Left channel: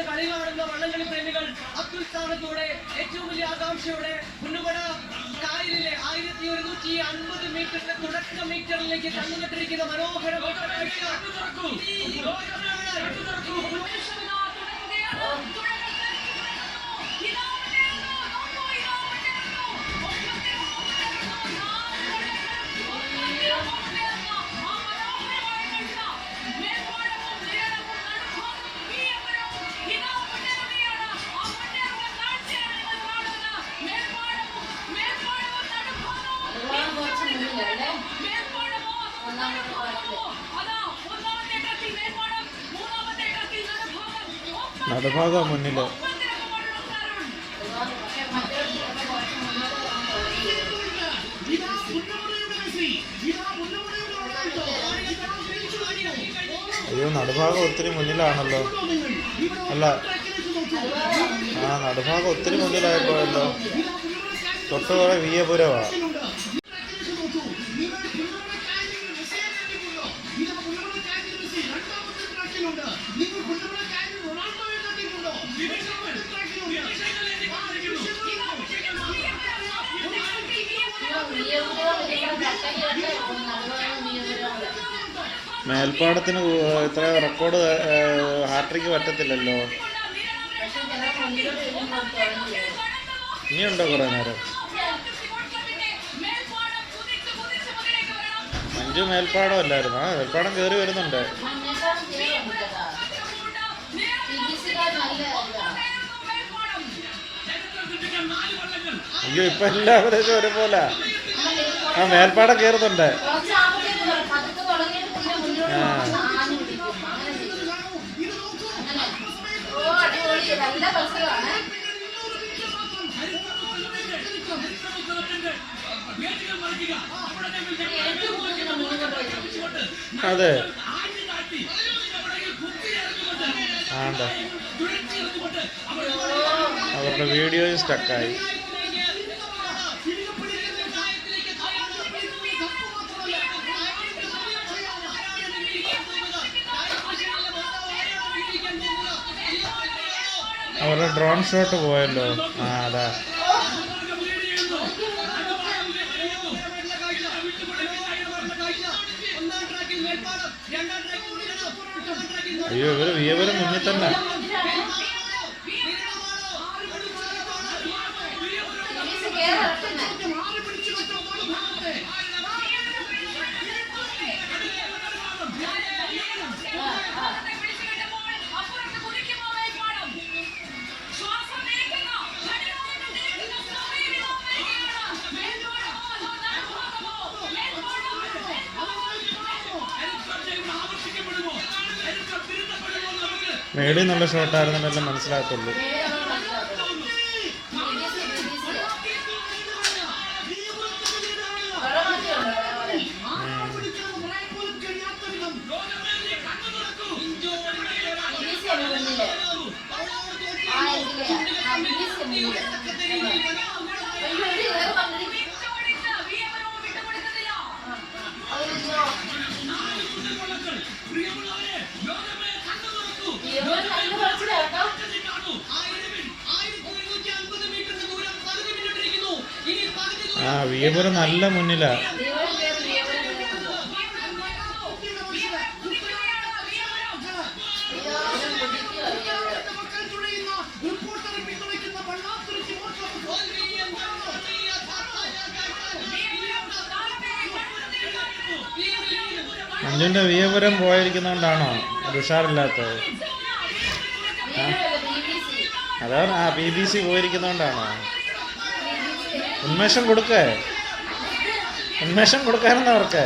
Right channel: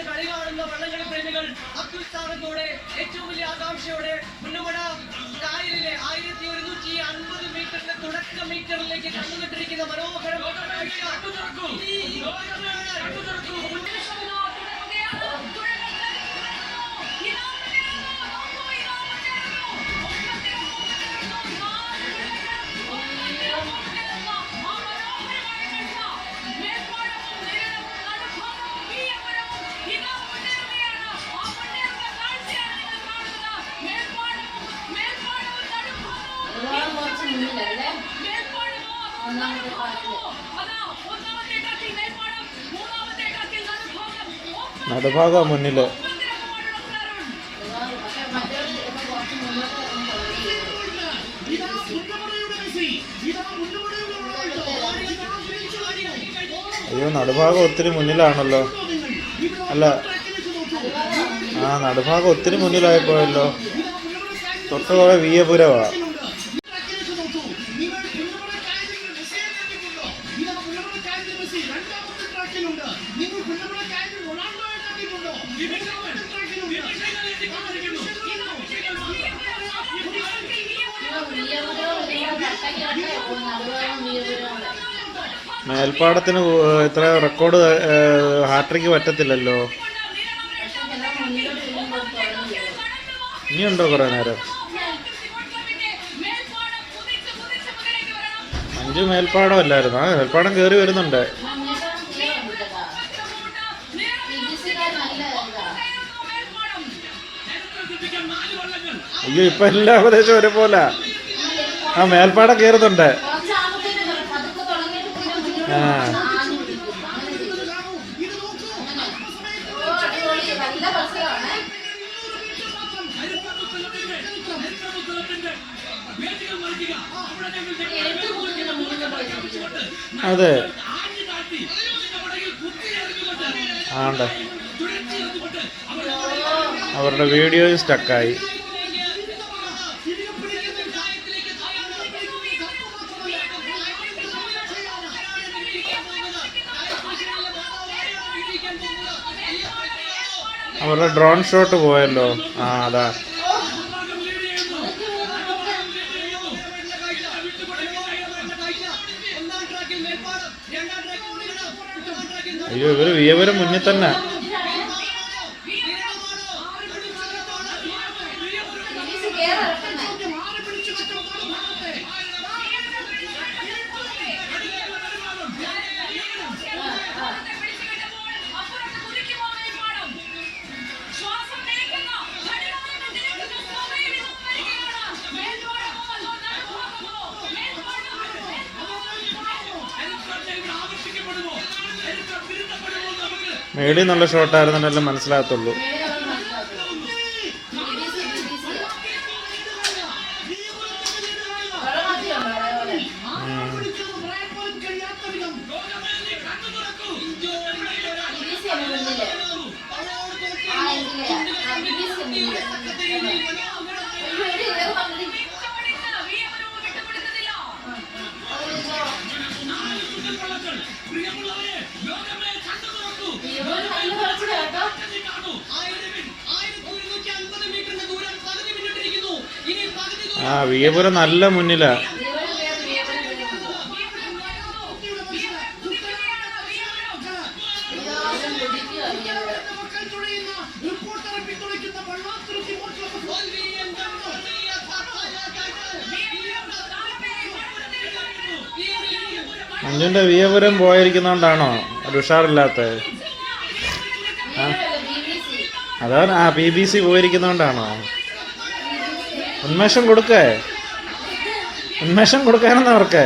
ഇന്ന് കളി കാണുന്ന വള്ളംകളി പ്രേമികൾ അത്യുത്സാഹത്തോടെ ഏറ്റവും വലിയ ആകാംക്ഷയോടെ മുന്നുമട കായലിലെ ആയിരത്തി ഒരുന്നൂറ്റി അൻപത് മീറ്ററിന്റെ തുടക്ക മീറ്ററിലേക്ക് കണ്ണുനട്ടിരിക്കുന്ന മനോഹരം ഒരുപാട് ഒന്നാമത്തെ പാടത്തിൽ നടുഭാഗം മുന്നിൽ. അയ്യോ നടുഭാഗം ഒത്തിരി മുന്നിലാണല്ലോ. അല്ല ആ നടുഭാഗം ഒത്തിരി മുന്നിലായിട്ടല്ലോ തൊട്ടുപോലെ വിയപുരവാ. മേൽപ്പാടത്തിന് ഇത്ര റെക്കോർഡ് ഹാട്രിക്ക് പറ്റത്തില്ലല്ലോ. ഇനിയുണ്ടോ കുറേ നേരം? അഞ്ച് മേൽപ്പാടം അല്ലായിരുന്നു ആ മേൽപ്പാടം കയറി വരുന്നുണ്ട്. അയ്യോ ഇപ്പൊ എല്ലാ പ്രദേശം ഒരേപോലെ. ആ മേൽപ്പാടം കയറുന്നുണ്ട്. ആ. അതെ. ആണ്ട. അവരുടെ വീഡിയോ സ്റ്റക്കായി അവരുടെ ഡ്രോൺ ഷോട്ട് പോയല്ലോ. ആ അതാ. അയ്യോ ഇവർ ഇവർ മുന്നിൽ തന്നെ. മേളിൽ നല്ല ഷോട്ടായിരുന്നല്ലോ മനസ്സിലാകത്തുള്ളൂ പ്രിയമുള്ളവരെ മനസ്സിലാക്കും. ആ, വിയപുരം നല്ല മുന്നിലാ. മഞ്ഞിന്റെ വിയപുരം പോയിരിക്കുന്നോണ്ടാണോ BBC. അതാണ് ആ ബി ബി സി പോയിരിക്കുന്നോണ്ടാണോ? ഉന്മേഷം കൊടുക്കേ? ഉന്മേഷം കൊടുക്കാനെന്ന് അവർക്ക്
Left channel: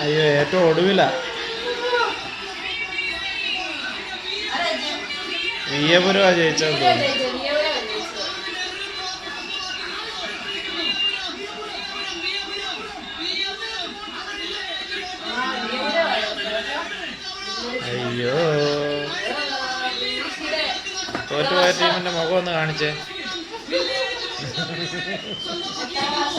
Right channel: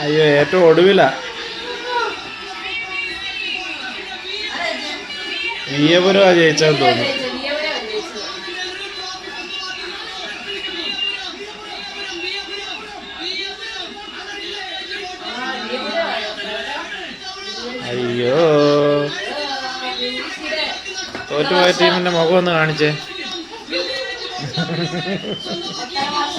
അയ്യോ, ഏറ്റവും കേറട്ടെ. നീ ജയിച്ചാൽ തോന്നുന്നു അയ്യോ. തോറ്റുപോയ ടീമിന്റെ മുഖം ഒന്ന് കാണിച്ചേ.